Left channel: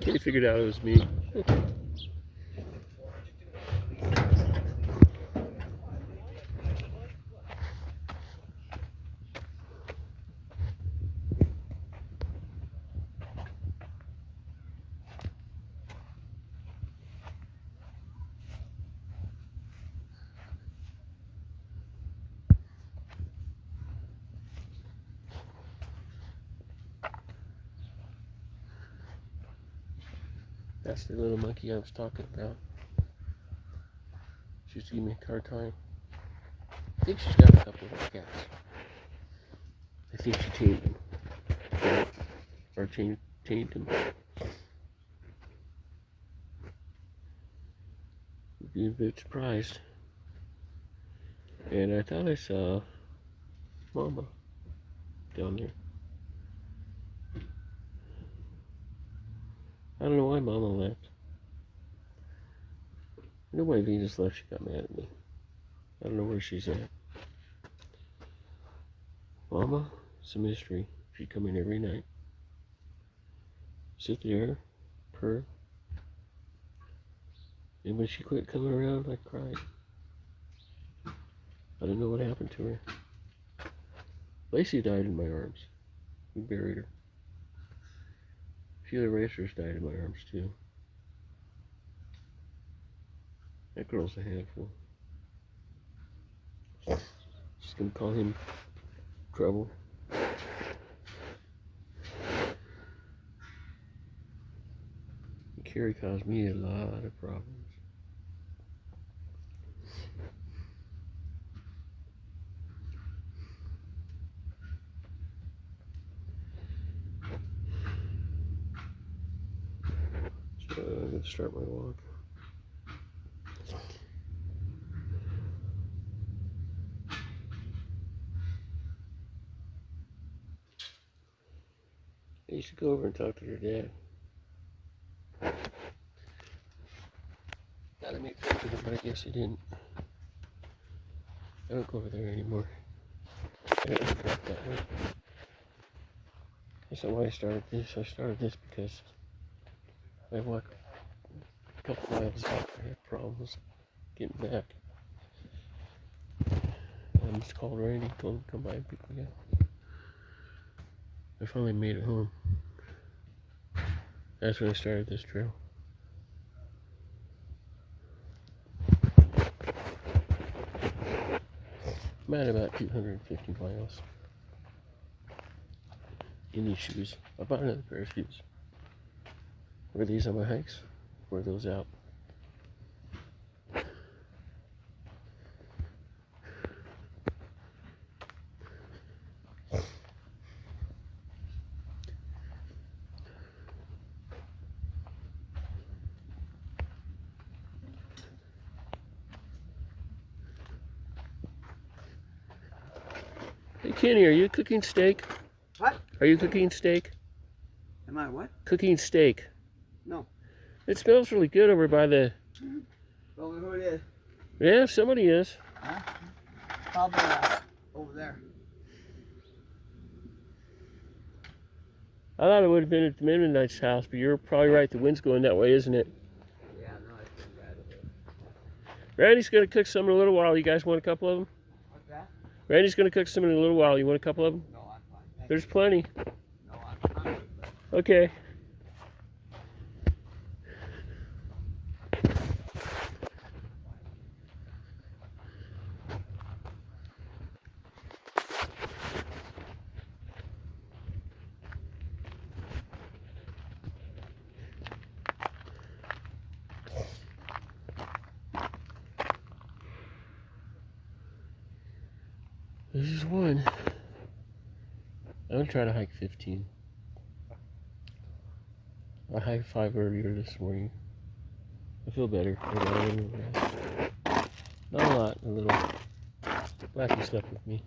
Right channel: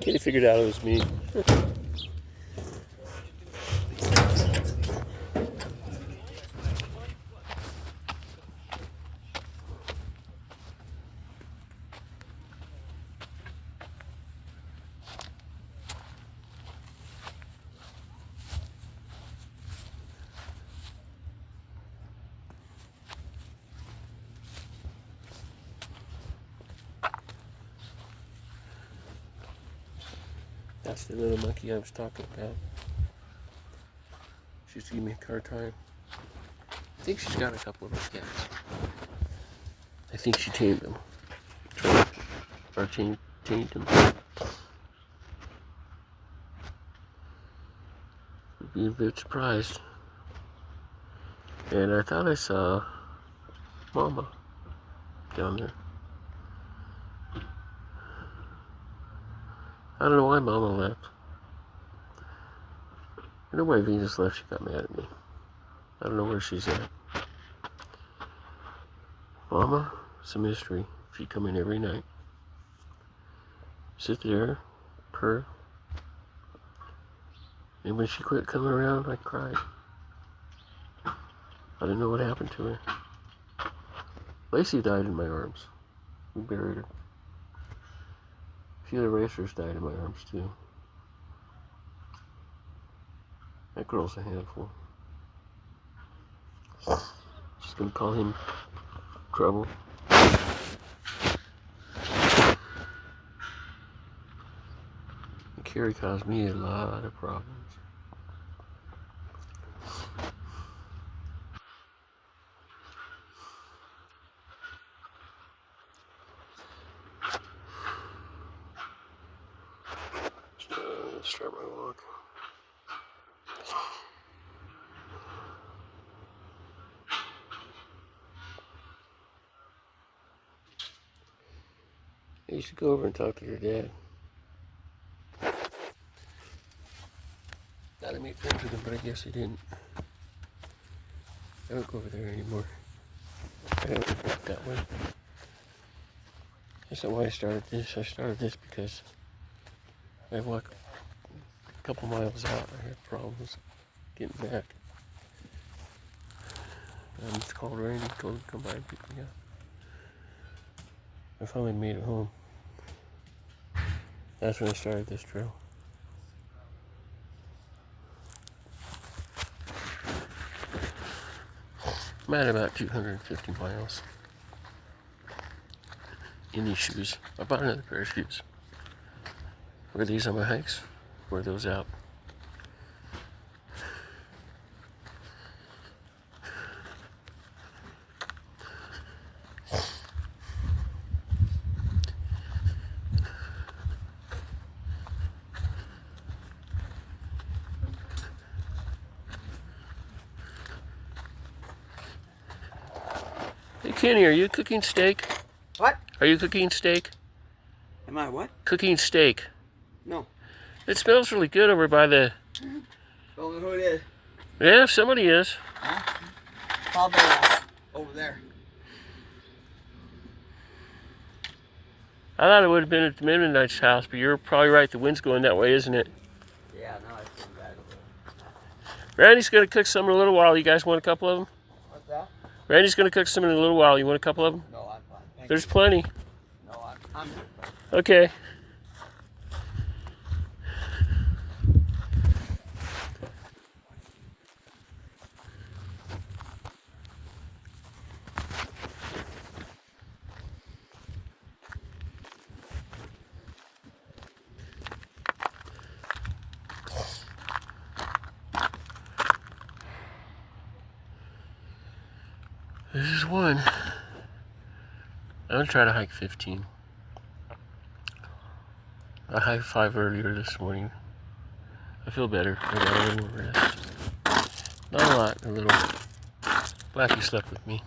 Kitty figured out it was me. That's the little monkey I was talking about. She used to give me a hard time. I think she's got a couple of her cats. I think she tamed them. Or tamed them. I'd be a bit surprised. And I thought I saw Mama down there. I don't know why Mama left. I know why Venus left. She got mad at me. I don't know where she's at. Mama, it's a mystery. She'd come in every night. Sit there, purr. And when she quit coming around, I cried. I didn't know what happened to her. Lacey died in my arms. We buried her. A few other racers died in my arms too. That girl's a handful. Just gonna call him trouble. Carrie caused me a lot of problems. So I'm gonna start my walk. I used to go over and talk to your dad. Thought I made friends with him, but I guess I didn't. I don't go over there anymore. I don't really walk that way. That's not why I started this. I started this because I walk a couple miles out. I have problems getting back. I just called Randy, told him to come by and pick me up. I finally made it home. That's when I started this trail. I'm at about 250 miles in these shoes. I bought another pair of shoes. Wear these on my hikes, wear those out. Hey Kenny, are you cooking steak? What? Are you cooking steak? Am I what? Cooking steak. No. It smells really good over by the... Don't know who it is. Yeah, somebody is. Huh? Probably over there. I thought it would have been at the Mennonite's house, but you're probably right. The wind's going that way, isn't it? Yeah, no, it's too bad. Randy's going to cook some in a little while. You guys want a couple of them? What's that? Randy's going to cook some in a little while. You want a couple of them? No, I'm fine. Thank There's plenty. No, I'm good. Okay. This is one. I'm going to try to hike 15. I hiked 5 earlier this morning. I feel better. I got a little more rest. Not a lot, a little. Blackie slept with me.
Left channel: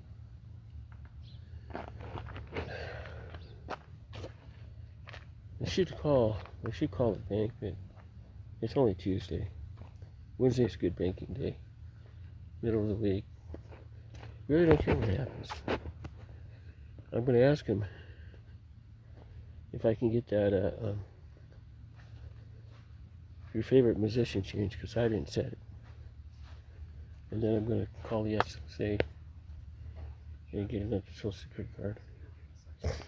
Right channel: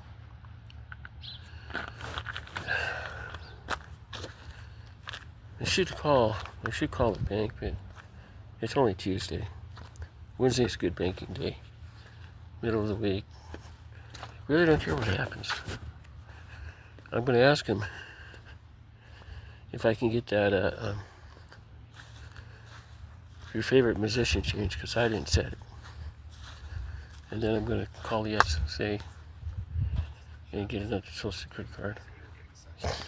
I should call the bank, but it's only Tuesday. Wednesday's a good banking day. Middle of the week. Really don't care what happens. I'm going to ask him if I can get that your favorite musician change, because I didn't set it. And then I'm going to call the SSA and get another social security card. How's it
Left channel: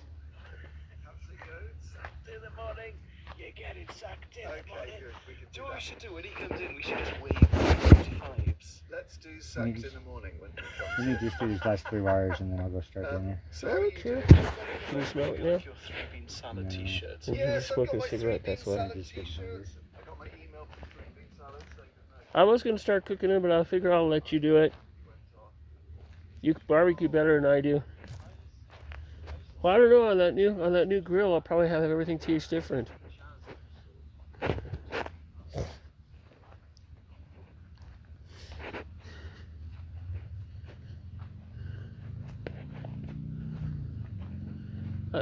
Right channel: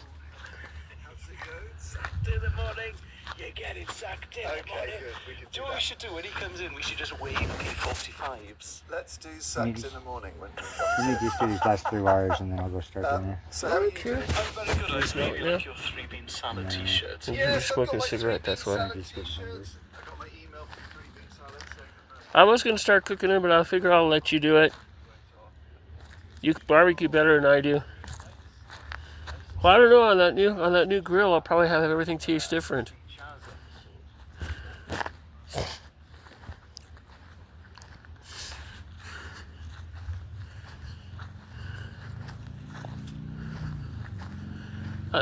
going? Sucked in the morning. You're getting sucked in the morning. Good. We can do you know what we should do when he comes in? We should just wave 45s. Let's do sucked in the morning when he comes in. Let me just do these last 3 wires and then I'll go start doing it. So how are you doing? Can you smell it now? Your 3-bean salad t-shirts. You're smoking a cigarette, that's why. I got my email from 3-bean salad saying I was going to start cooking it, but I figure I'll let you do it. You barbecue better than I do. Well, I don't know, on that new grill, I'll probably have everything taste different.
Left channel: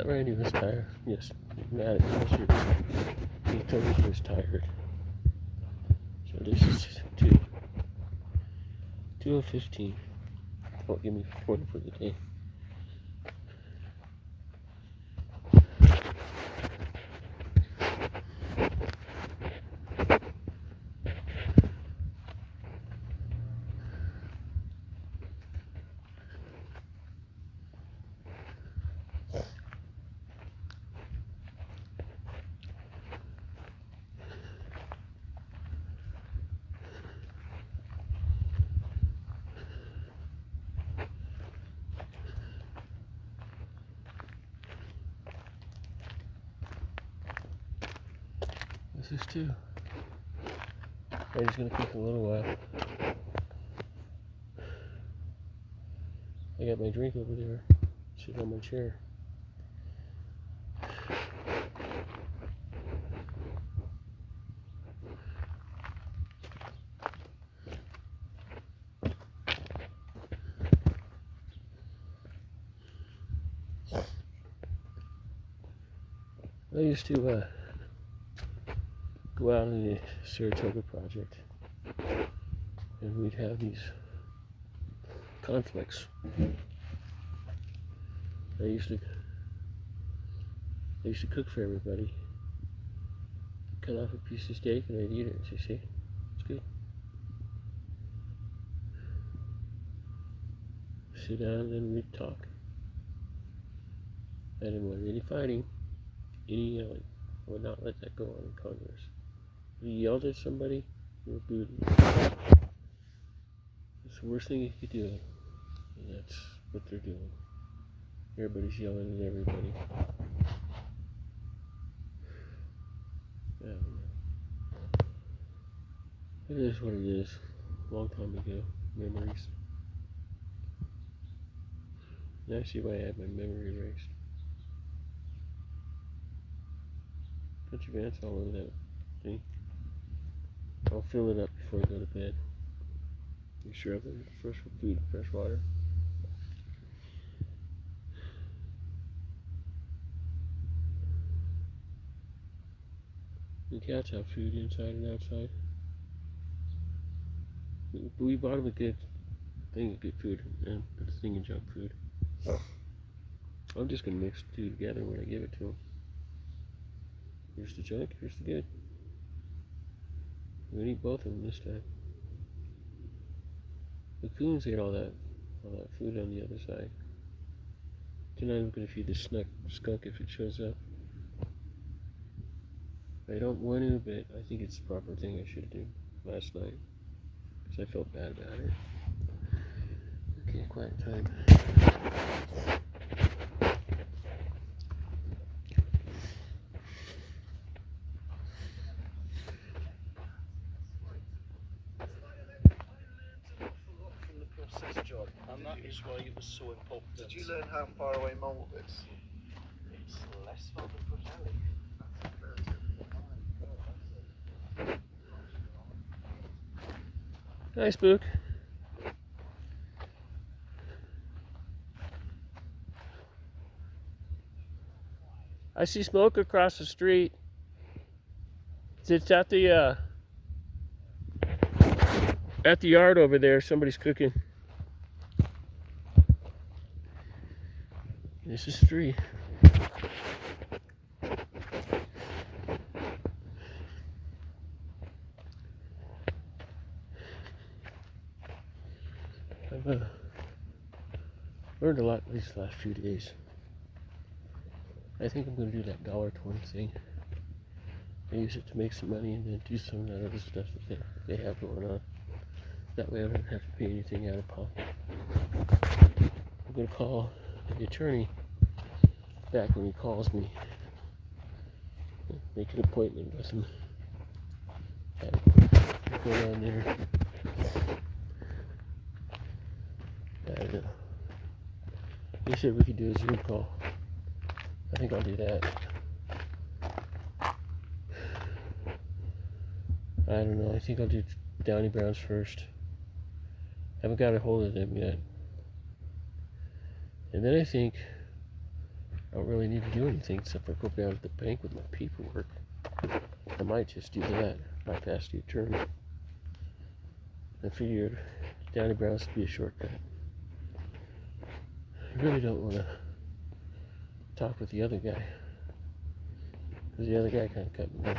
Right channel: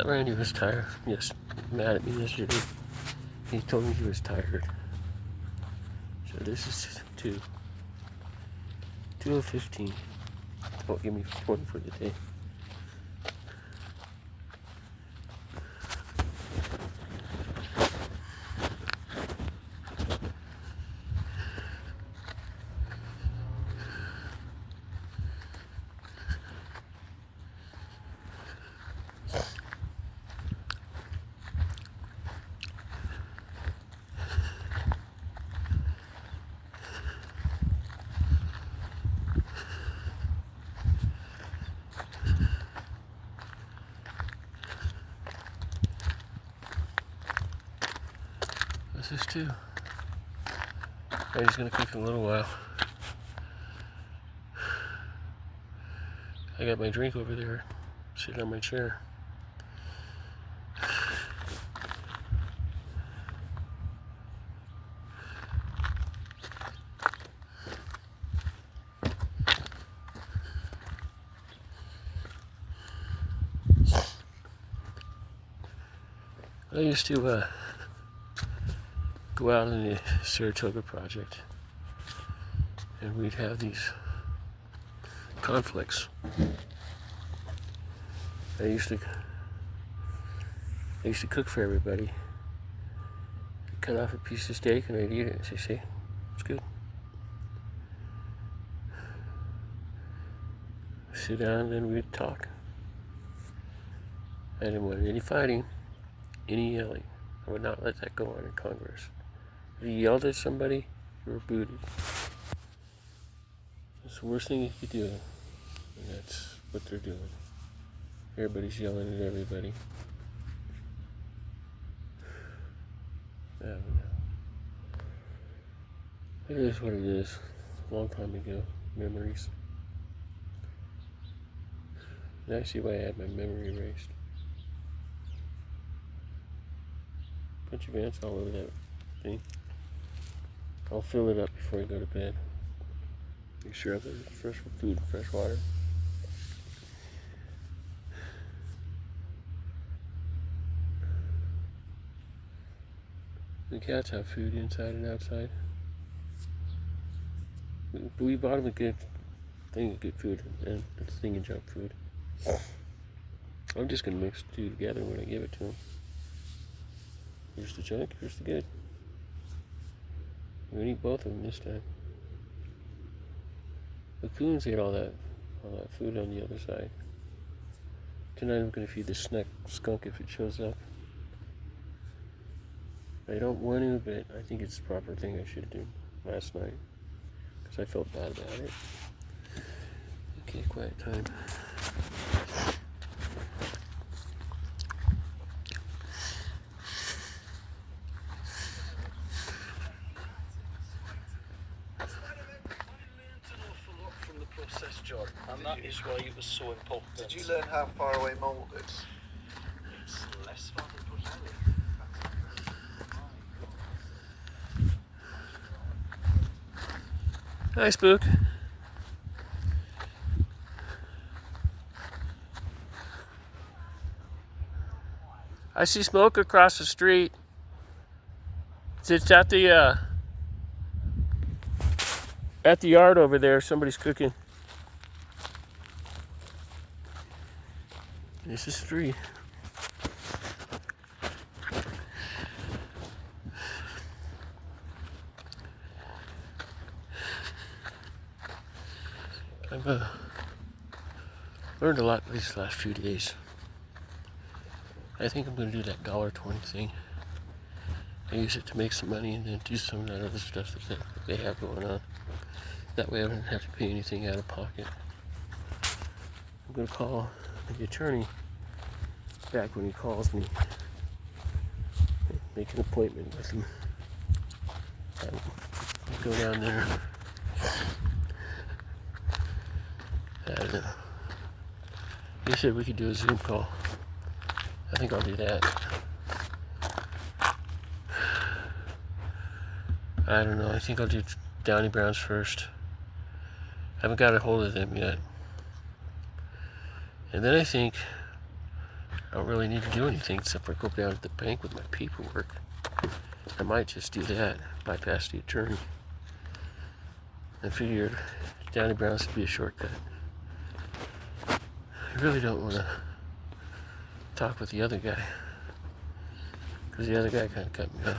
Randy was tired. Yes, mad at me yesterday. He told me he was tired. So this is 2:15. Don't give me 40 for the day. This is 2. Randy's gonna cook in a little while. I got my drink over there, sitting on my chair. I used to go out in the Saratoga project, and we'd have these conflicts. I used to cook for everybody. I'd cut off a piece of steak and I'd eat it and say, "See, it's good." Sit down and then we'd talk. I didn't want any fighting, any yelling. I would not let that go on in Congress. If you yelled at somebody, you were booted. It's the worst thing you could do, and that's what they're doing. Everybody's yelling at everybody. I don't know. It is what it is. A long time ago. Memories. Now I see why I had my memory erased. Bunch of ants all over that thing. I'll fill it up before I go to bed. Make sure I have fresh food and fresh water. The cats have food inside and outside. We bought them a good thing of good food and a thing of junk food. I'm just going to mix the two together when I give it to them. Here's the junk, here's the good. We're going to eat both of them this time. The coons ate all that food on the other side. Tonight I'm going to feed the skunk if it shows up. I don't want to, but I think it's the proper thing I should do last night. Because I felt bad about it. Okay, quiet time. And that is why it was so important. Did you learn how far away mold is? It's less fun than Brazil. Hi, Spook. I see smoke across the street. It's at the yard over there. Somebody's cooking. This is 3. I've learned a lot these last few days. I think I'm going to do that $1.20 thing. I use it to make some money and then do some of that other stuff that they have going on. That way I don't have to pay anything out of pocket. I'm going to call the attorney back when he calls me. Make an appointment with him. Go down there. And, he said we could do a Zoom call. I think I'll do that. I don't know. I think I'll do Downey Brown's first. I haven't got a hold of them yet. And then I think I don't really need to do anything except for go down to the bank with my paperwork. I might just do that, bypass the attorney. I figured Downey Brown's would be a shortcut. I really don't want to talk with the other guy, because the other guy kind of cut me off.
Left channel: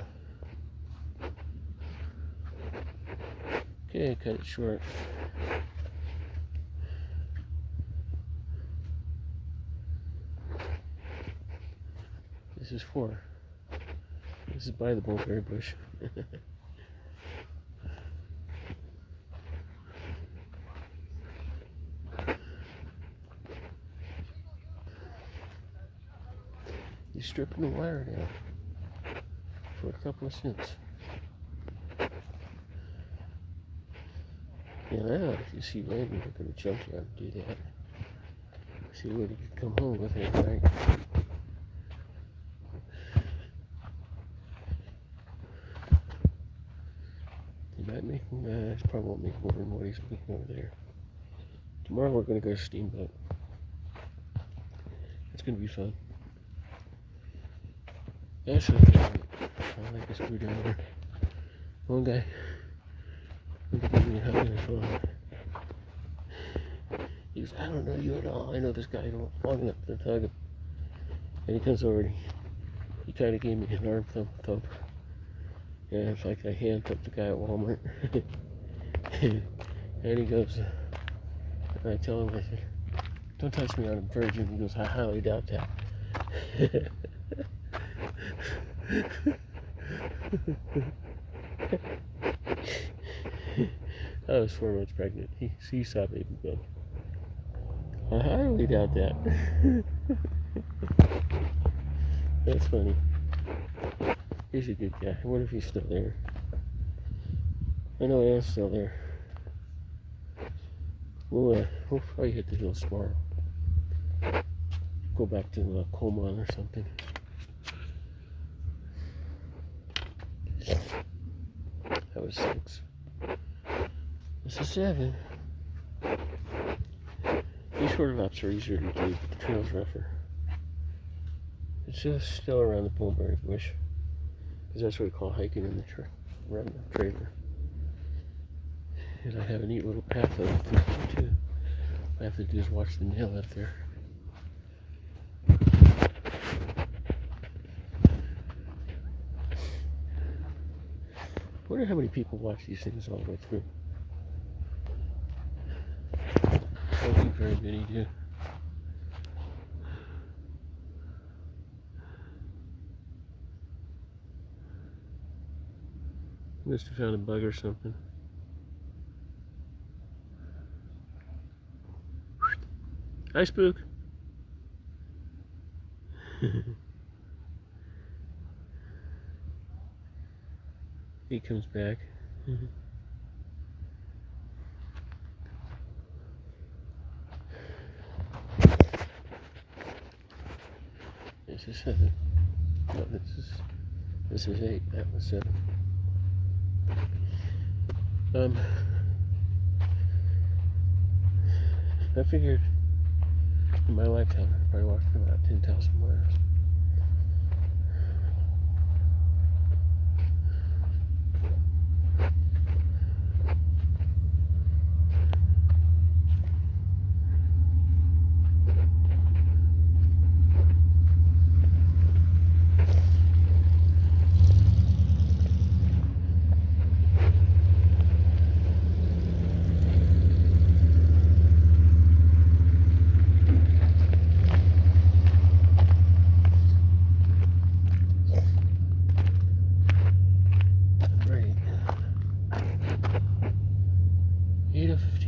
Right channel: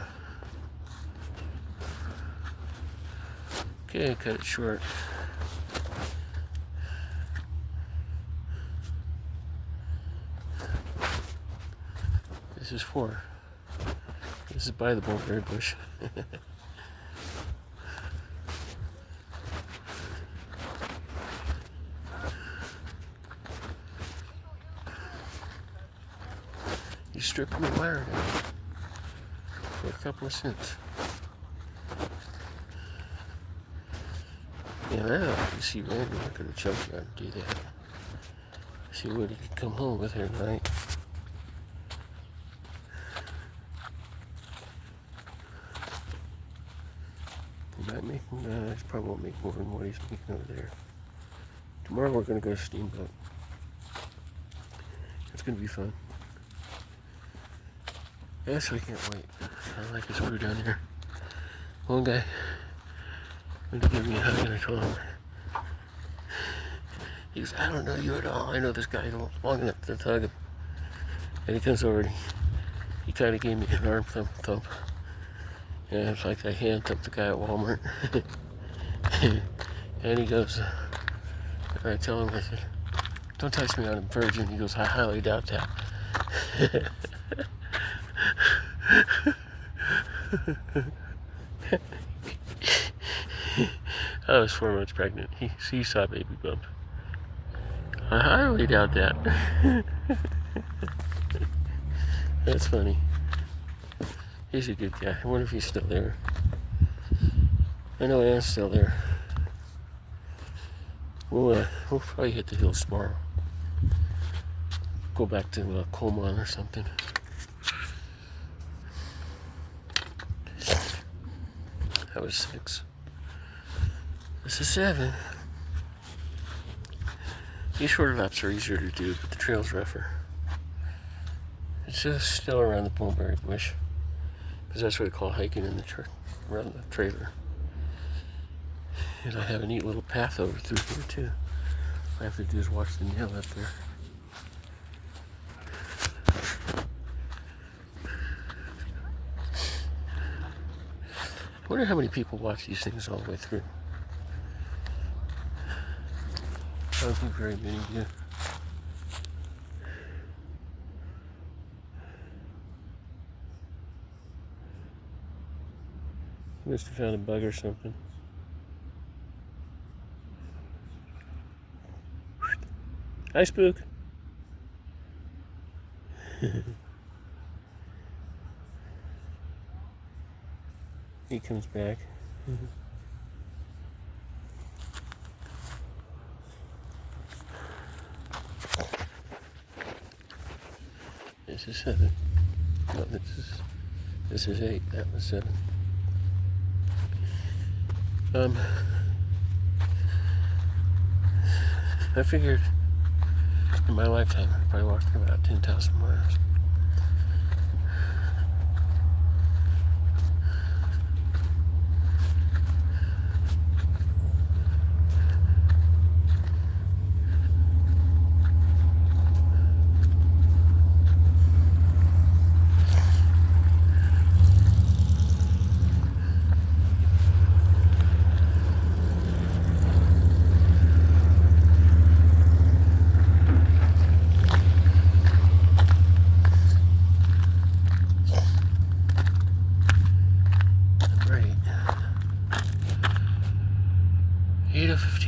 Okay, cut it short. This is for. This is by the mulberry bush. You stripped me wire down for a couple of cents. And I thought you see Randy, I could have jumped around and do that. See what he could come home with at night. He might make, no, he probably won't make more than what he's making over there. Tomorrow we're going to go steamboat. It's going to be fun. That's what I like this crew down here. One guy went to give me a hug and I told him, he goes, I don't know you at all. I know this guy long enough to hug him. And he comes over and he kind of gave me an arm thump. And it's like I hand thumped the guy at Walmart. And he goes, and I tell him, I said, don't touch me, I'm a virgin. He goes, I highly doubt that. I was 4 months pregnant. He saw baby bump. I highly doubt that. That's funny. He's a good guy. I wonder if he's still there. I know Anne's still there. We'll probably hit the hills tomorrow. Go back to Coleman or something. That was 6. This is 7. These shorter laps are easier to do, but the trail's rougher. It's just still around the mulberry bush, because that's what I call hiking in the around the trailer. And I have a neat little path over through here too. All I have to do is watch the nail up there. I wonder how many people watch these things all the way through. I don't think very many do. Must have found a bug or something. Hi, Spook. He comes back. This is 7. No, this is 8. That was 7. I figured in my lifetime I probably walked about 10,000 miles.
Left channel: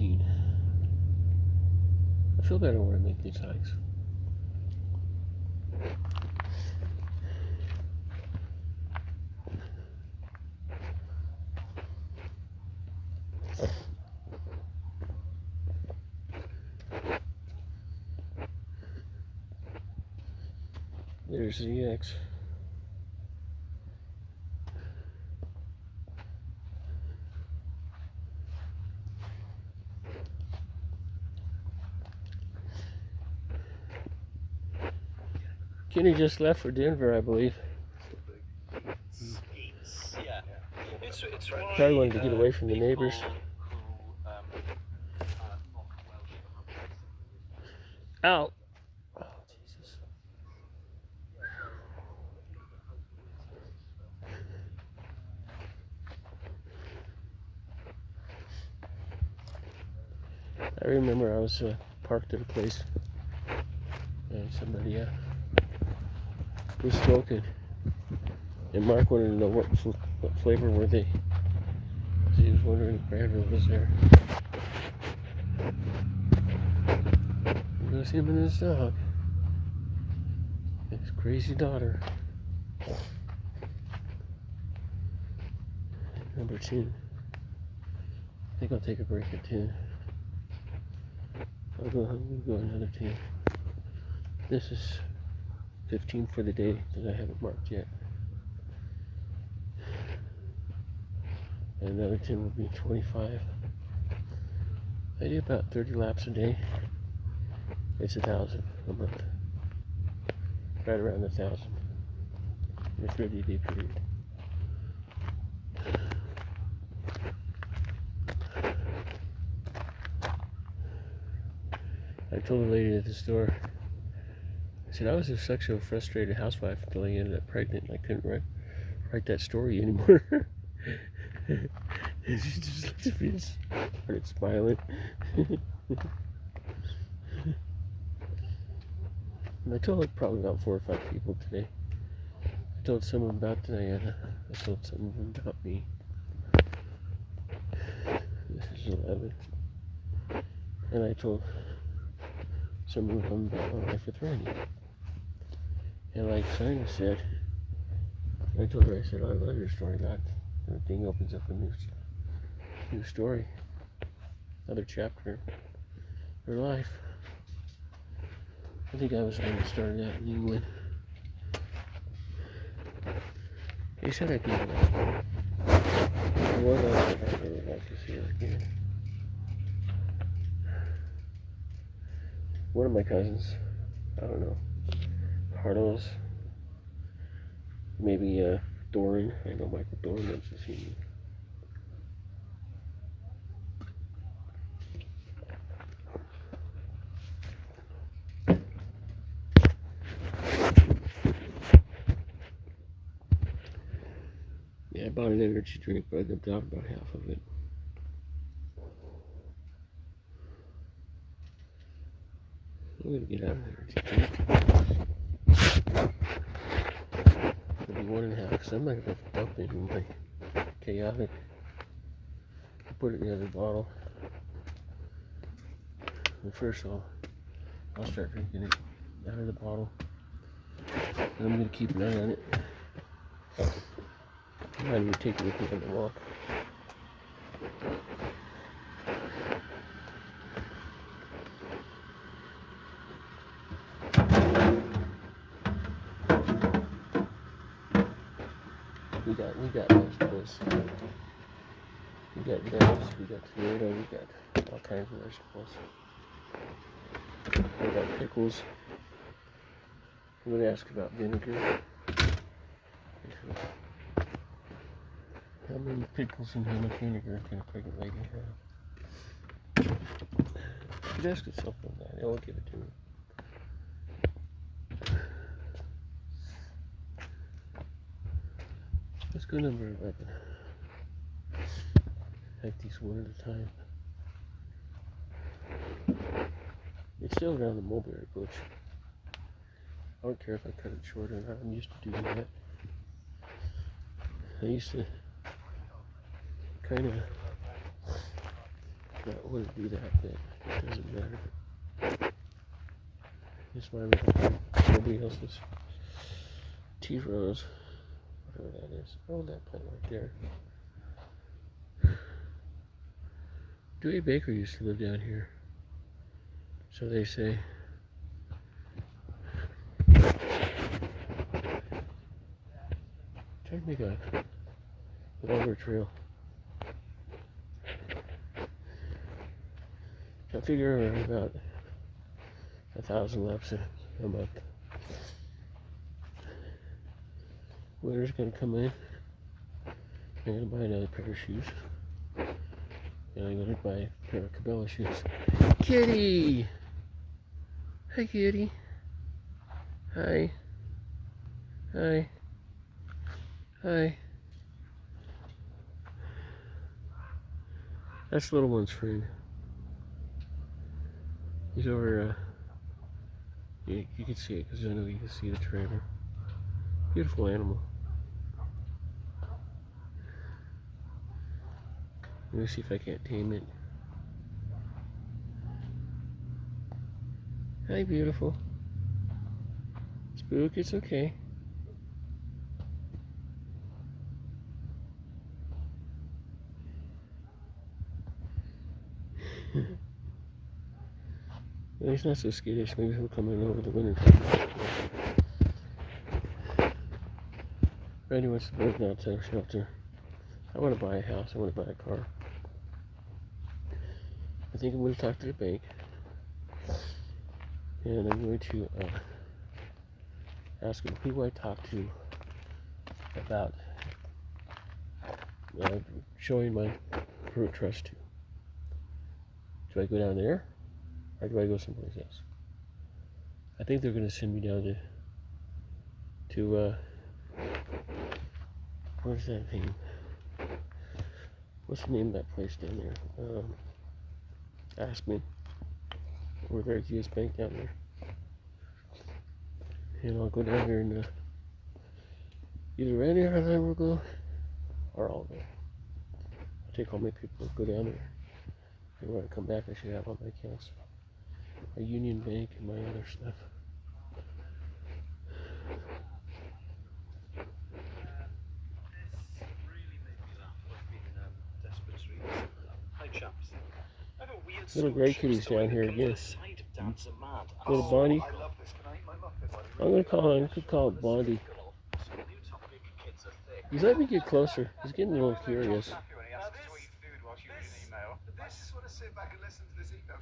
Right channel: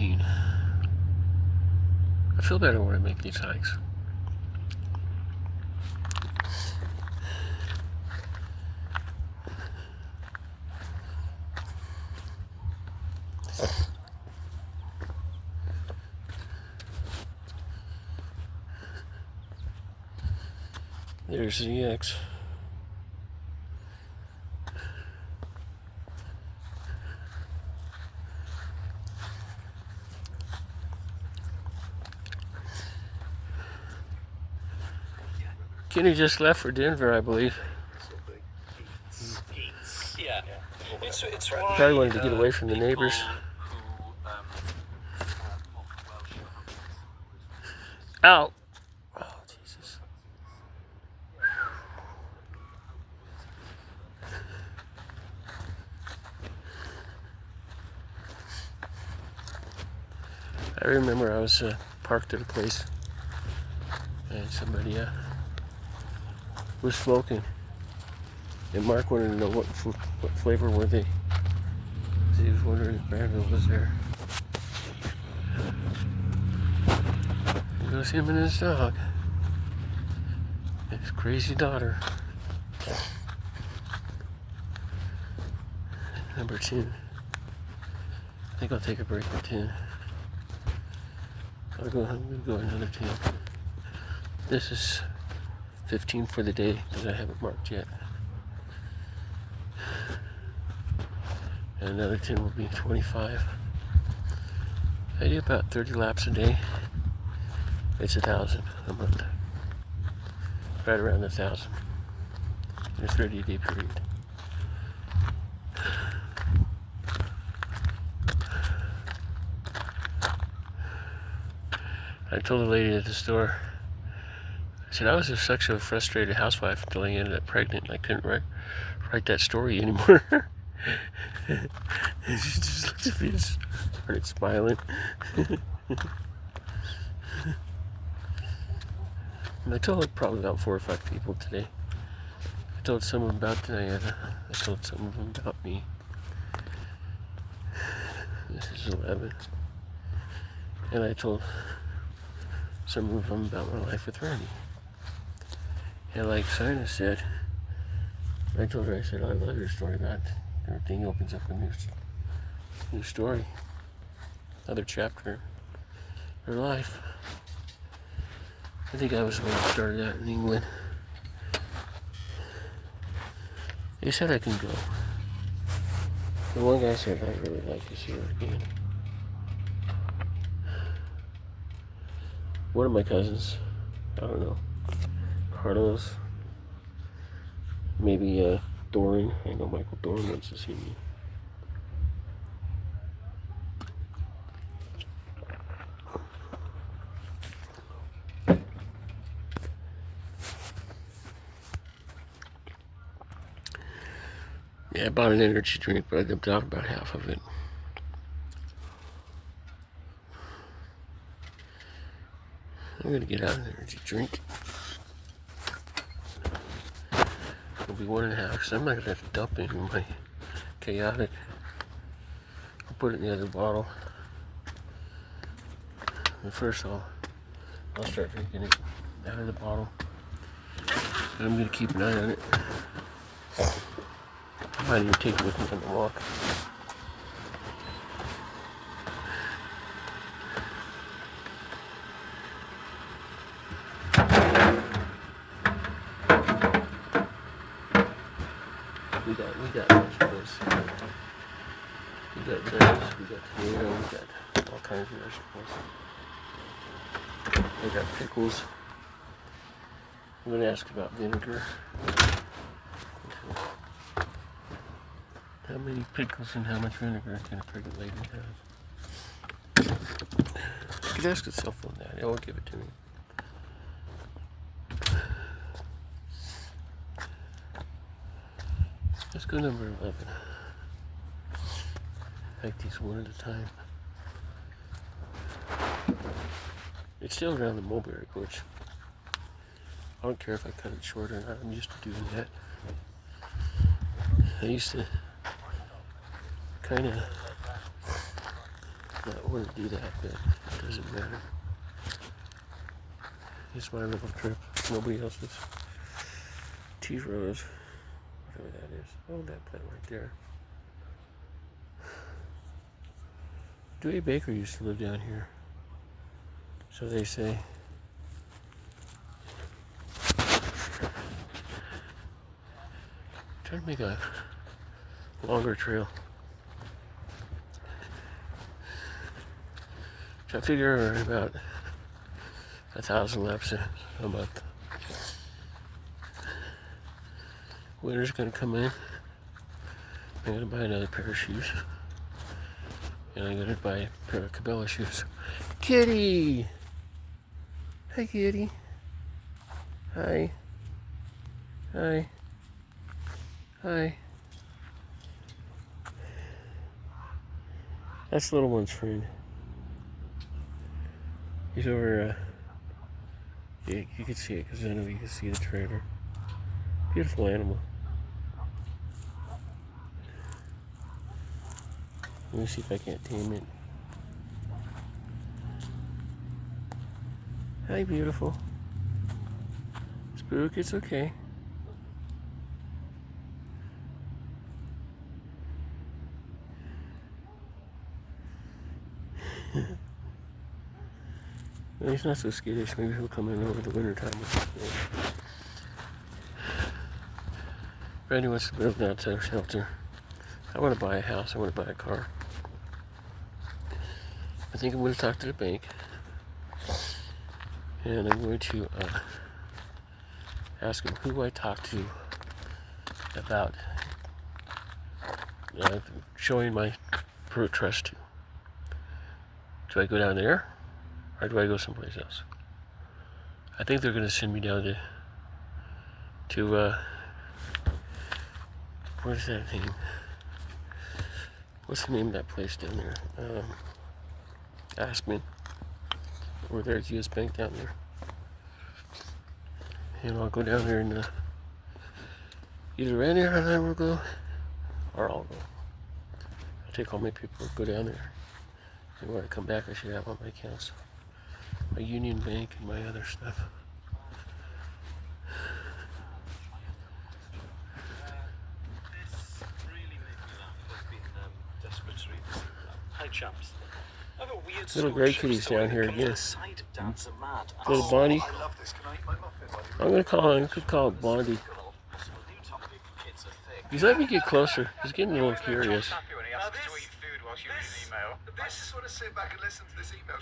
13. I feel better when I make these hikes. There's the X. Kenny just left for Denver, I believe. Yeah. It's why, Probably wanted to get away from the neighbors. Ow! Oh, Jesus. I remember I was parked at a place and somebody was smoking, and Mark wanted to know what flavor were they. He was wondering if Granville was there. It goes him and his dog, his crazy daughter. Number 10. I think I'll take a break at 10. I'm gonna go another 10. This is 15 for the day that I haven't marked yet. And another 10 will be 25. I do about 30 laps a day. It's 1,000 a month. Right around 1,000 in a 30-day period. I told the lady at the store, I said I was just such a frustrated housewife until I ended up pregnant and I couldn't write that story anymore. And she just looked at me and started smiling. And I told probably about 4 or 5 people today. I told some of them about Diana. I told some of them about me. This is 11. And I told some of them about my life with Randy. And like Sina said, I told her, I said, I love your story, that everything opens up a new story, another chapter in her life. I think I was the one who started out in England. He said I can go. The one guy said I'd really like to see her again. One of my cousins, I don't know, Carlos, maybe Doran. I know Michael Doran wants to see me. Yeah, I bought an energy drink, but I dumped out about half of it. I'm gonna get out an energy drink. It'll be 1.5, because I'm not gonna dump it in my chaotic. I'll put it in the other bottle. And first I'll start drinking it out of the bottle. And I'm gonna keep an eye on it. I might even take it with me on the walk. We got vegetables. We got lettuce, we got tomato, we got all kinds of vegetables. I got pickles. I'm gonna ask about vinegar. How many pickles and how much vinegar can a pregnant lady have? You could ask the cell phone that. It won't give it to me. Let's go number 11. Hike these one at a time. It's still around the mulberry bush. I don't care if I cut it short or not. I'm used to doing that. I used to kind of not want to do that, but it doesn't matter. It's my little trip. Nobody else's. Tea rose, whatever that is. Oh, that plant right there. Dewey Baker used to live down here. So they say. Trying to make a longer trail. I figure about 1,000 laps a month. Winter's gonna come in. I'm gonna buy another pair of shoes. And I'm gonna buy a pair of Cabela shoes. Kitty! Hi, Kitty. Hi. Hi. Hi. That's the little one's friend. He's over, yeah, you can see it because I know you can see the trailer. Beautiful animal. Let me see if I can't tame it. Hi, beautiful. Spook, it's okay. No, he's not so skittish. Maybe he'll come in over the winter time. Randy wants to move now to a shelter. I want to buy a house. I want to buy a car. I think I'm going to talk to the bank. And I'm going to ask him who I talk to about showing my trust to. Do I go down there? Or do I go someplace else? I think they're going to send me down to where's that thing? What's the name of that place down there? Aspen. Over there at US Bank down there. And I'll go down there and either Randy or I will go, or I'll go. I'll take all my people, go down there. And when I come back, I should have all my accounts. My Union Bank and my other stuff. This really made me laugh. I've been desperate to read this. Hi, chaps. I have a weird Little gray kitties down here again. Little Bonnie. I love this. Can I eat my muffin? I'm gonna call him. I could call it Bondy. He's letting me get closer. He's getting a little curious. I just want to sit back and listen to this email.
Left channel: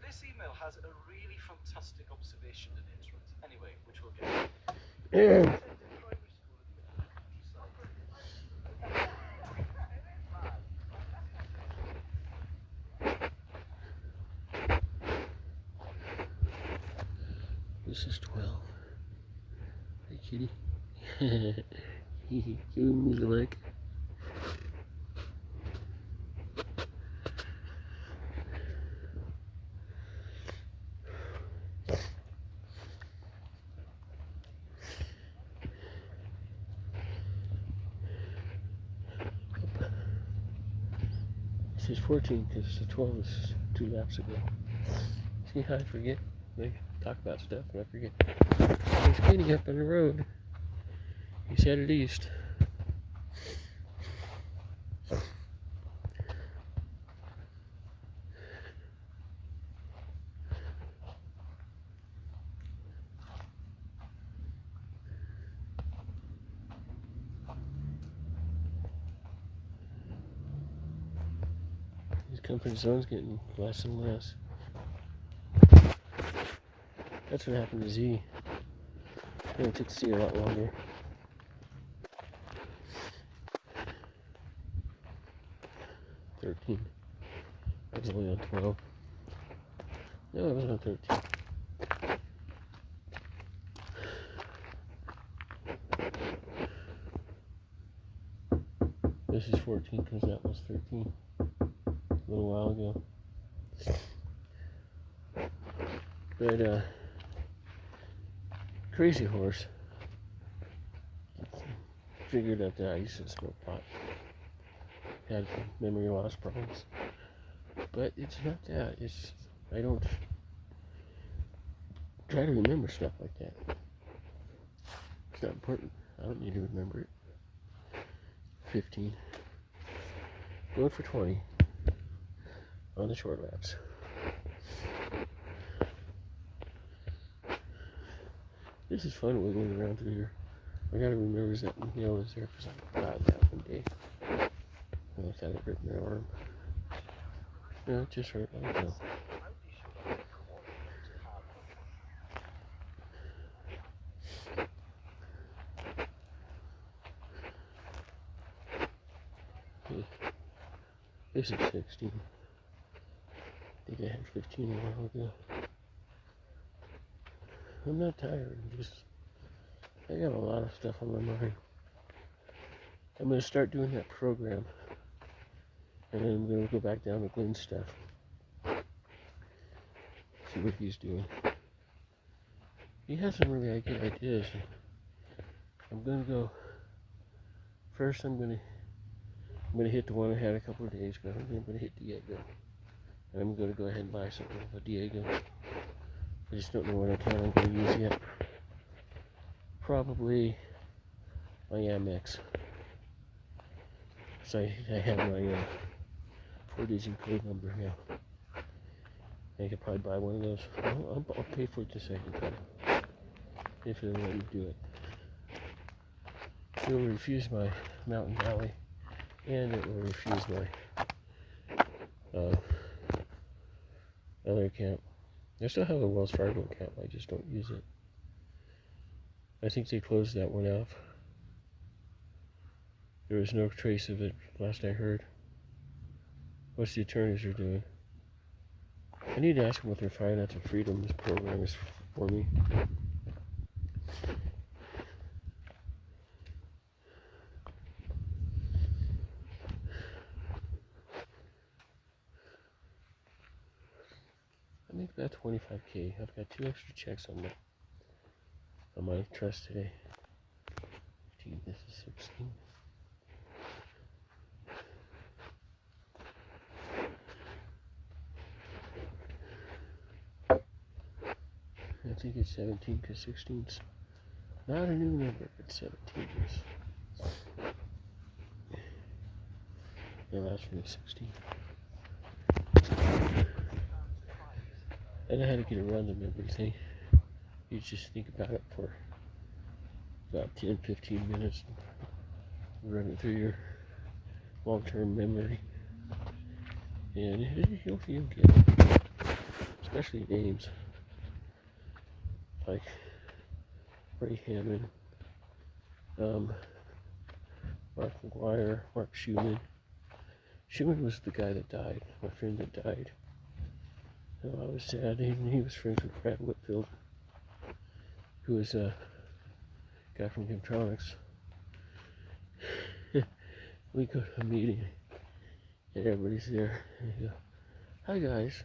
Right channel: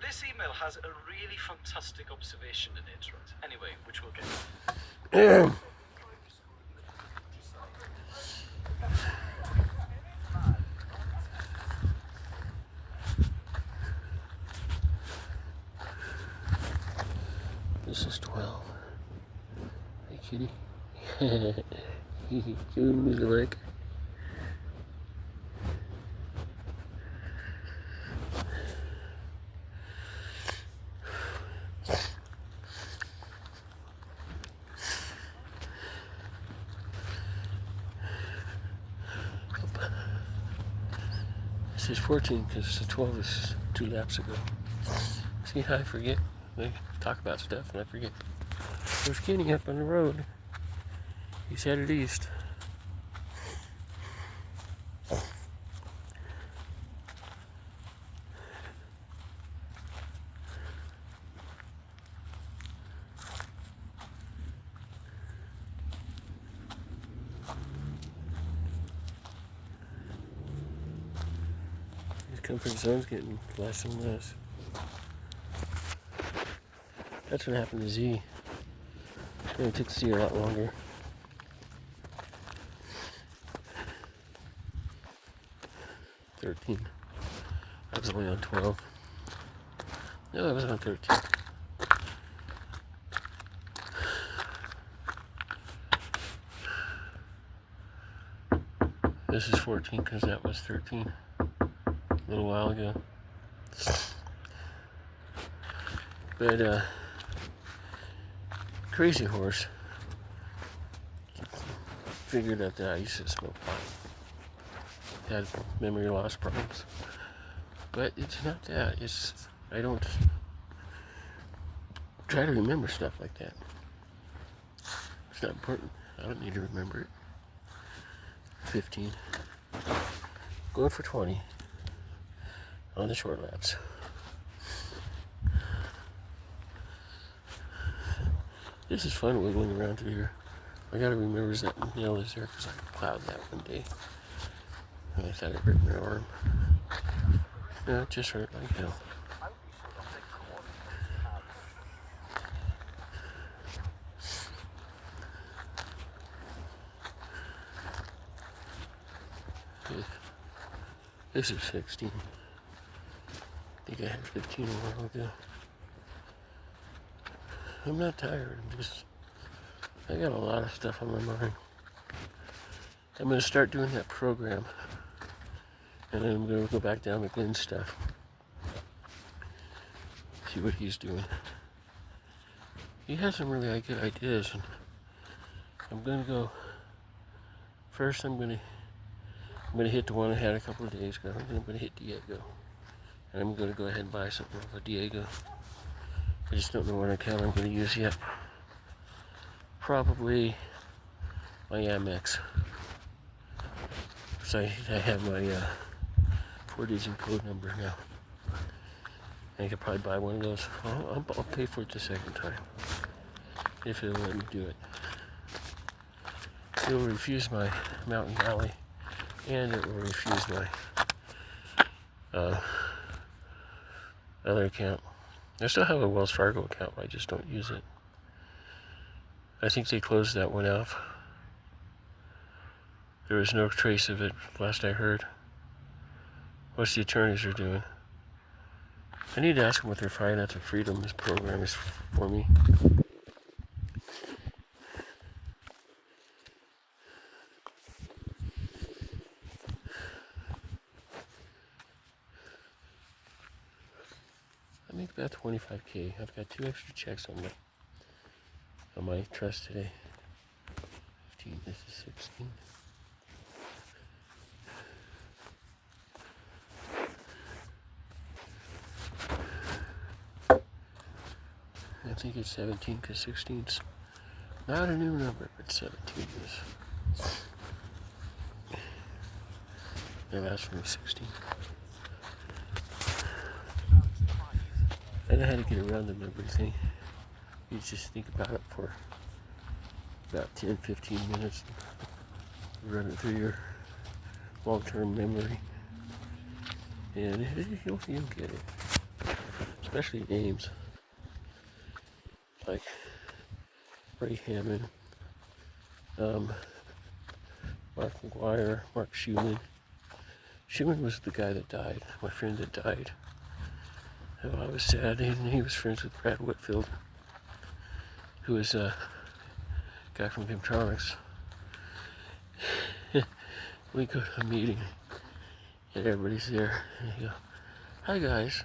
This email has a really fantastic observation in it, right? Anyway, which we'll get to. This is 12. Hey, kitty. Give me the leg. This is 14 because the 12 is 2 laps ago. See how I forget? They talk about stuff and I forget. There's cleaning up on the road. He's headed east. His comfort zone's getting less and less. That's what happened to Z. It took Z a lot longer. I was only on 12. No, I was on 13. This is 14 because that was 13 a little while ago. But Crazy Horse figured out that I used to smoke pot. Had memory loss problems. But it's not that. It's I don't try to remember stuff like that. It's not important. I don't need to remember it. 15. Going for 20 on the short laps. This is fun wiggling around through here. I gotta remember that nail is there because I plowed that one day. And I thought it hurt my arm. No, it just hurt like hell. This is 16. I think I had 15 a while ago. I'm not tired. I got a lot of stuff on my mind. I'm going to start doing that program. And then I'm going to go back down to Glenn's stuff. See what he's doing. He has some really good ideas. And I'm going to go. First, I'm going to hit the one I had a couple of days ago. And then I'm going to hit Diego. And I'm going to go ahead and buy something for Diego. I just don't know what account I'm going to use yet. Probably my Amex. So I have my 4-digit code number now. I could probably buy one of those. I'll pay for it the second time. If it'll let me do it. It will refuse my Mountain Valley. And it will refuse my other account. I still have a Wells Fargo account, but I just don't use it. I think they closed that one off. There was no trace of it, last I heard. What's the attorneys are doing? I need to ask them what their financial freedom this program is for me. I make about 25K. I've got 2 extra checks on my trust today. 15, this is 16. I think it's 17 because 16's not a new number, but 17 is. No, that's from 16. I know how to get around the number thing. You just think about it for about 10-15 minutes and run it through your long-term memory. And you'll get it. Especially names. Like Ray Hammond, Mark McGuire, Mark Schumann. Schumann was the guy that died, my friend that died. Oh, I was sad. He was friends with Brad Whitfield, who was a guy from Kimtronics. We go to a meeting, and everybody's there, and you go, "Hi guys."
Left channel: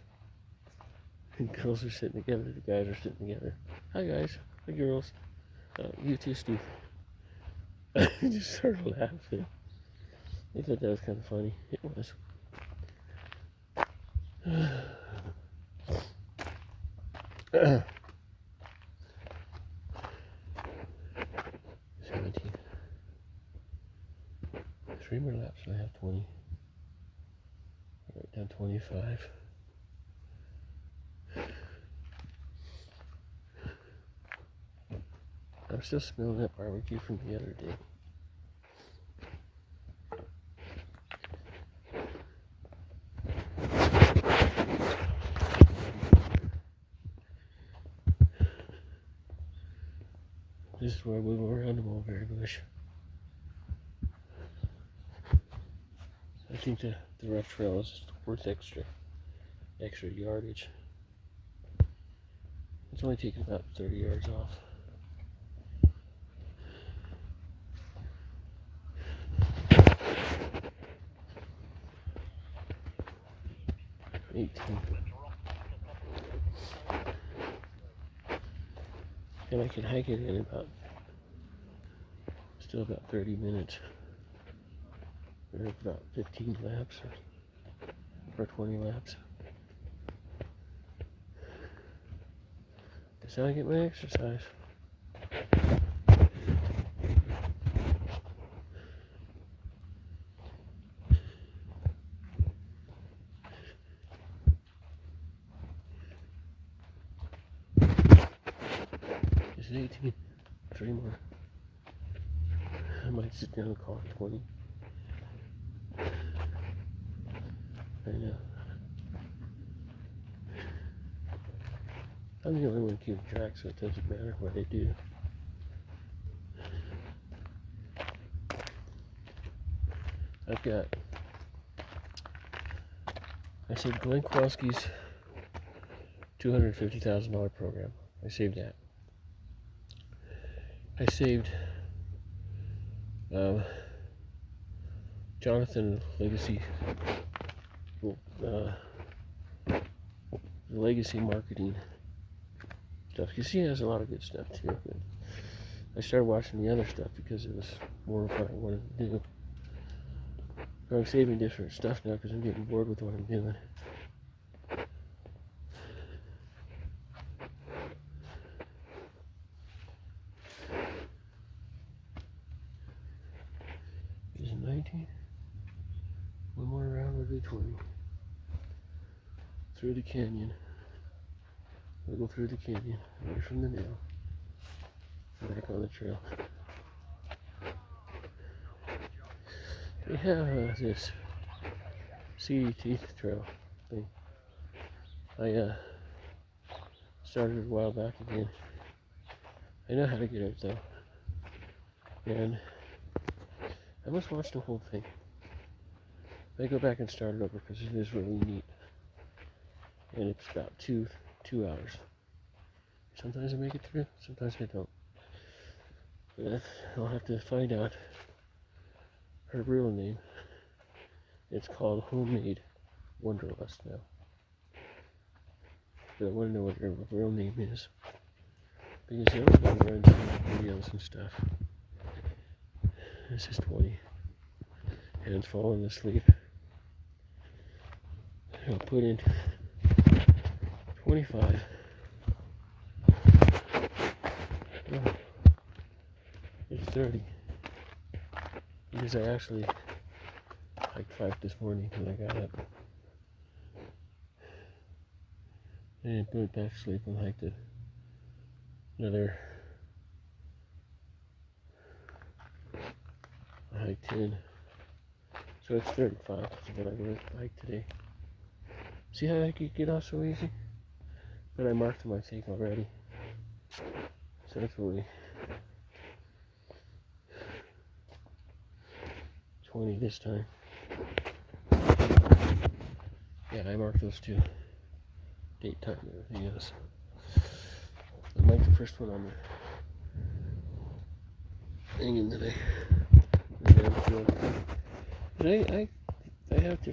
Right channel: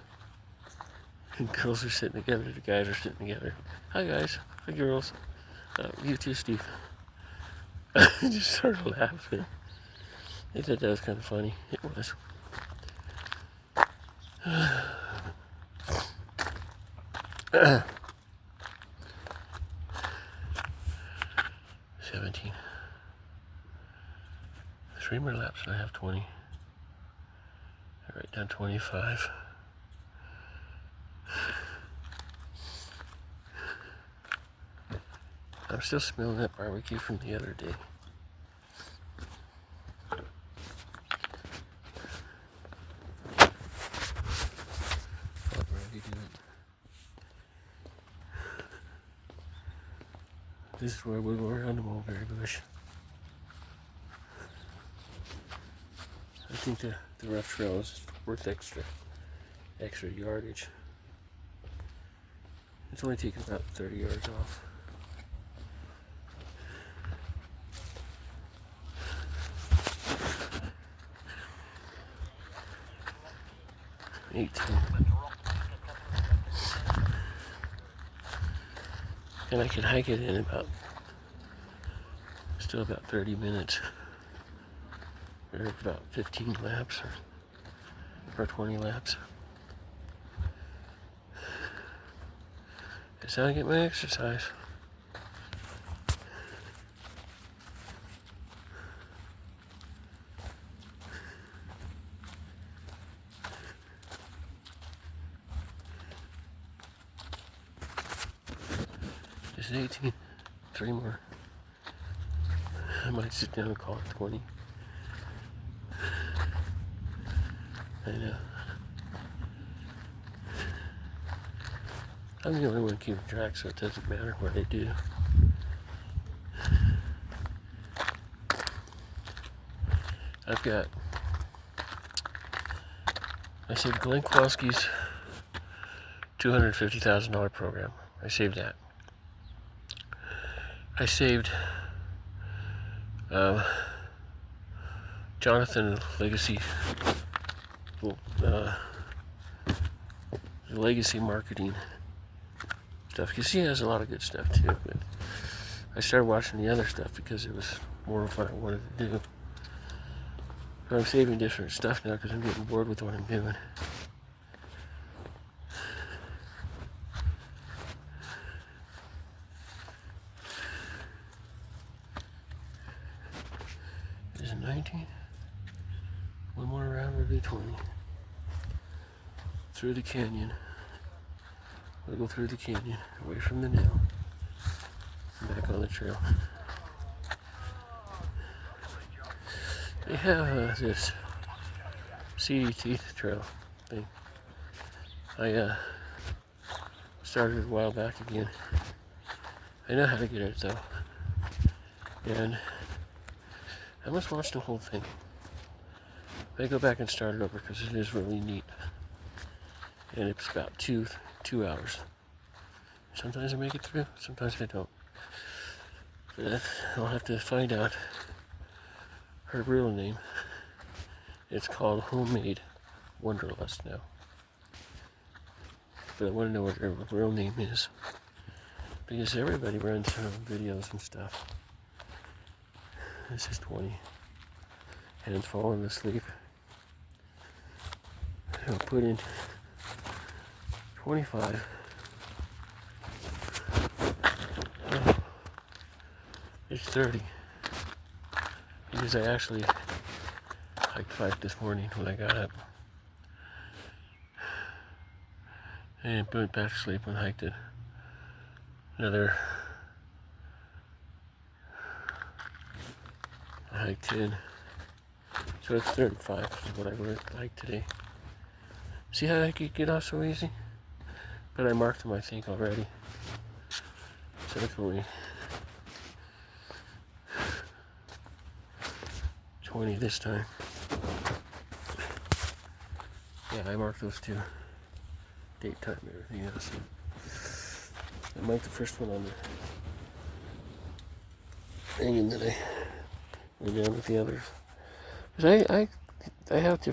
And girls are sitting together, the guys are sitting together. "Hi guys, hi girls." You too, Steve. I just started laughing. I thought that was kind of funny. It was. 17. 3 more laps and I have 20. I write down 25. I'm still smelling that barbecue from the other day. This is where we go around the mulberry bush. I think the rough trail is worth extra yardage. It's only taking about 30 yards off. 18. And I could hike it in still about 30 minutes. Or about 15 laps, for 20 laps. That's how I get my exercise. Just 18. 3 more. I might sit down and call it 20. I know. I'm the only one keeping track, so it doesn't matter what I do. I saved Glenn Kowalski's $250,000 program. I saved that. I saved Jonathan Legacy legacy marketing stuff, because he has a lot of good stuff too, but I started watching the other stuff because it was more of what I wanted to do. But I'm saving different stuff now because I'm getting bored with what I'm doing. Is it 19? One more round would be 20. Through the canyon. We'll go through the canyon, away from the nail, and back on the trail. They have this seedy teeth trail thing. I started a while back again. I know how to get it though, and I must watch the whole thing. I go back and start it over because it is really neat, and it's about two hours. Sometimes I make it through, sometimes I don't. But I'll have to find out her real name. It's called Homemade Wanderlust now. But I want to know what her real name is, because everybody runs her videos and stuff. This is 20. And it's falling asleep. I'll put in 25. Oh, it's 30. Because I actually hiked 5 this morning when I got up. And went back to sleep and hiked it. I hiked 10. So it's 35 is what I hiked today. See how I could get off so easy? But I marked them, I think, already. So it's only 20 this time. Yeah, I marked those two. Date, time, and everything else. I marked the first one on there. Hanging that I went down with the other. Because I have to